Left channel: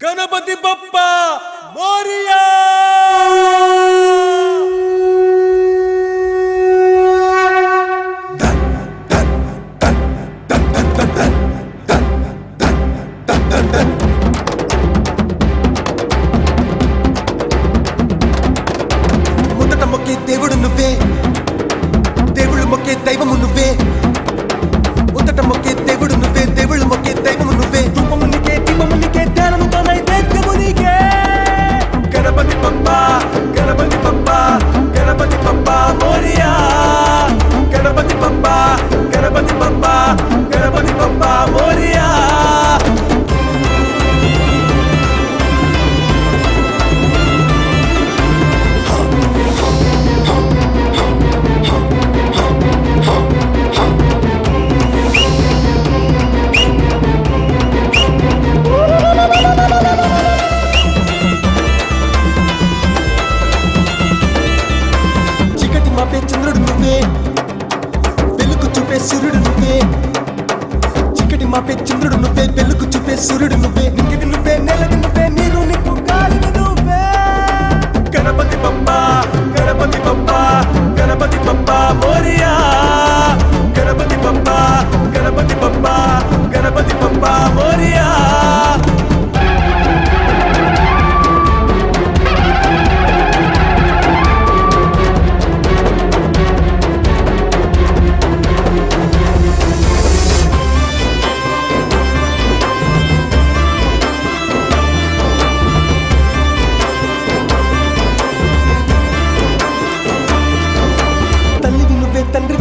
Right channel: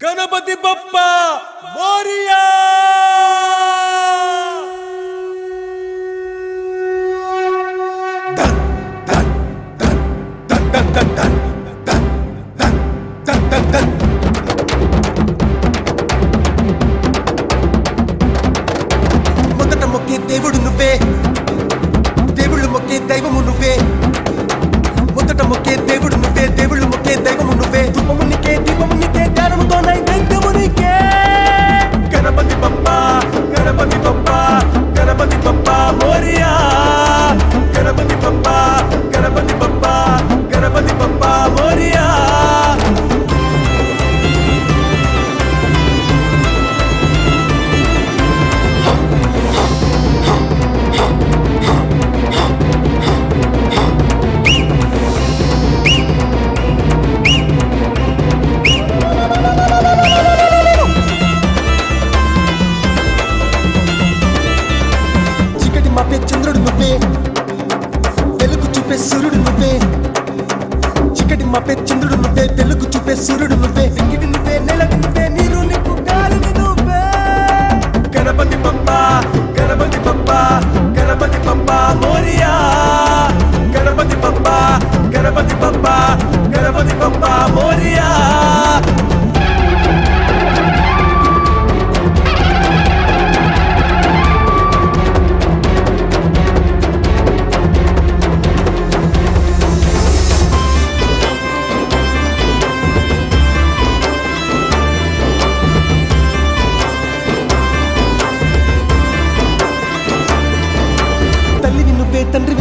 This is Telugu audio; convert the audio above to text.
గణపతి బప్ప మోరియా. మొదట మొక్కి దేవుడు నువ్వే, దేవుళ్ళు మొక్కే దైవము నువ్వే. మొదట మొక్కే దేవుడు నువ్వే, దేవుళ్ళు మొక్కే దైవము నువ్వే. ధూపము నీకే, దీపము నీకే, జ్ఞానముతో నైవేద్యము నీకే. గణపతి బప్ప, గణపతి బప్ప, గణపతి బప్ప మోరియా. గణపతి బప్ప, గణపతి బప్ప, గణపతి బప్ప మోరియా. చీకటి మాపే చంద్రుడు నువ్వే, వెలుగు చూపే సూర్యుడు నువ్వే. చీకటి మాపే చంద్రుడు నువ్వే, వెలుగు చూపే సూర్యుడు నువ్వే. వెంకటి నువ్వే, నెలటి నువ్వే, నీరు నిప్పు గాలివి నువ్వే. గణపతి బప్ప, గణపతి బప్ప, గణపతి బప్ప మోరియా. గణపతి బప్ప, గణపతి బప్ప, గణపతి బప్ప మోరియా. తల్లివి నువ్వే, తండ్రి